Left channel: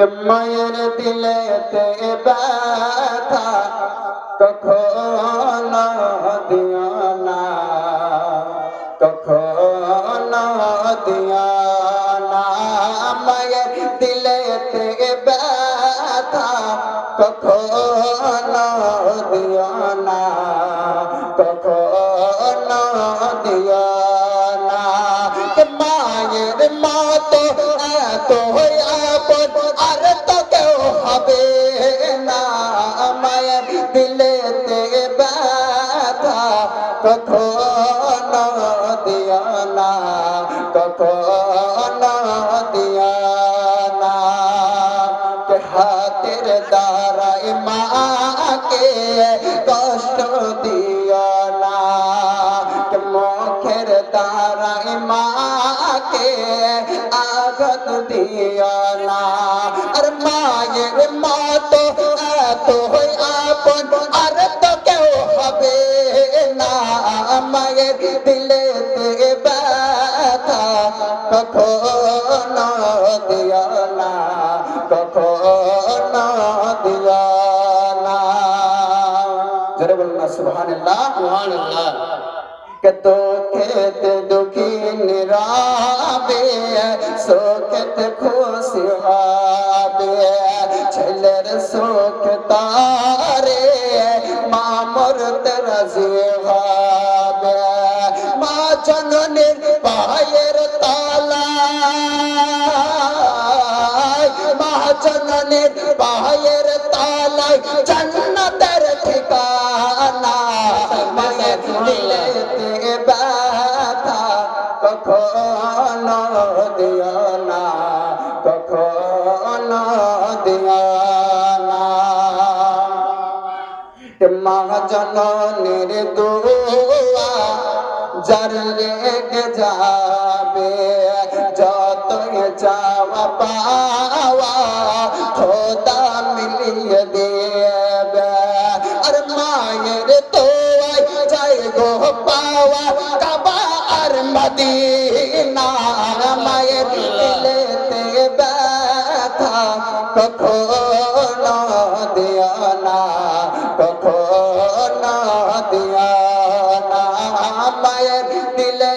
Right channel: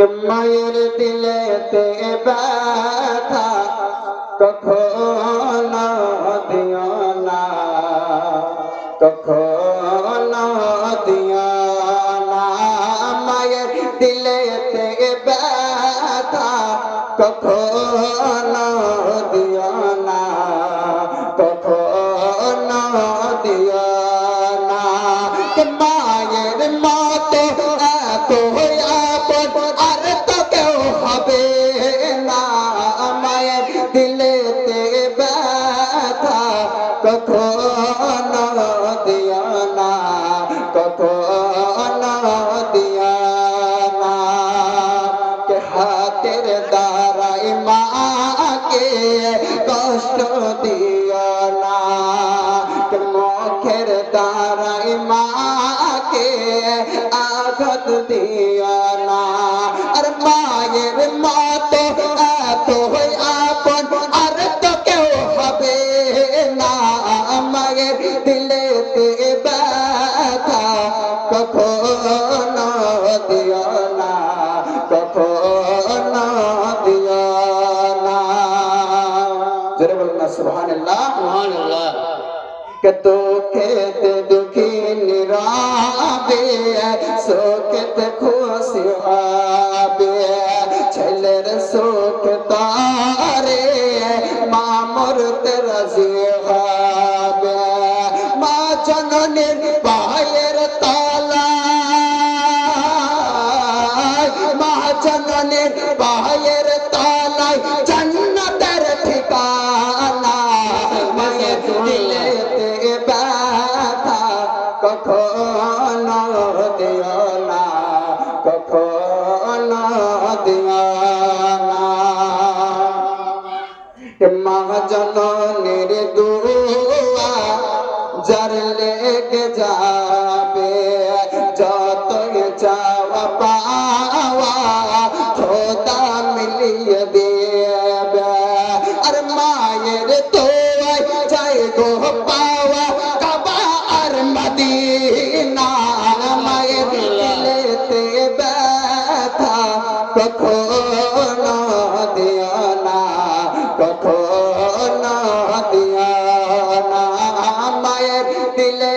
মায়ের দিলেতে ব্যথা কখনো দিও না, কখনো দিও না। মায়ের দিলেতে ব্যথা কখনো দিও না, কখনো দিও না। মায়ের মতে এত আপন আর তো কেউ হবে না। মায়ের দিলেতে ব্যথা কখনো দিও না, কখনো দিও না। কে হাতের দ্বারাই মাকে কষ্ট দিও না, কে মুখের দ্বারাই মাকে আঘাত দিও না। আর মায়ের মতো এত আপন আর তো কেউ হবে না। মায়ের দিলেতে ব্যথা কখনো দিও না, কখনো দিও না। জোরে বলুন না সুবহানাল্লাহ, সুবহানাল্লাহ। কে দুঃখেতে দুঃখী নীরবে, সুখেতে খুশি হবে। ছেলের সুখ তারে মা মরতে রাজি হবে। মা জননীর পায়ের তলায়, মা জননীর পায়ের তলায় জান্নাতের ঠিকানা। মায়ের দিলেতে ব্যথা কখনো দিও না, কখনো দিও না। মা জননীর দুয়া যার লেগে যাবে, যতই চাওয়া পাওয়া খোদা মিলিয়ে দেবে। আর মায়ের তোয়াই যাই গো পাওয়া কাবা আর মদিনা। মায়ের দিলেতে ব্যথা কখনো দিও না, কখনো দিও না। মায়ের দিলে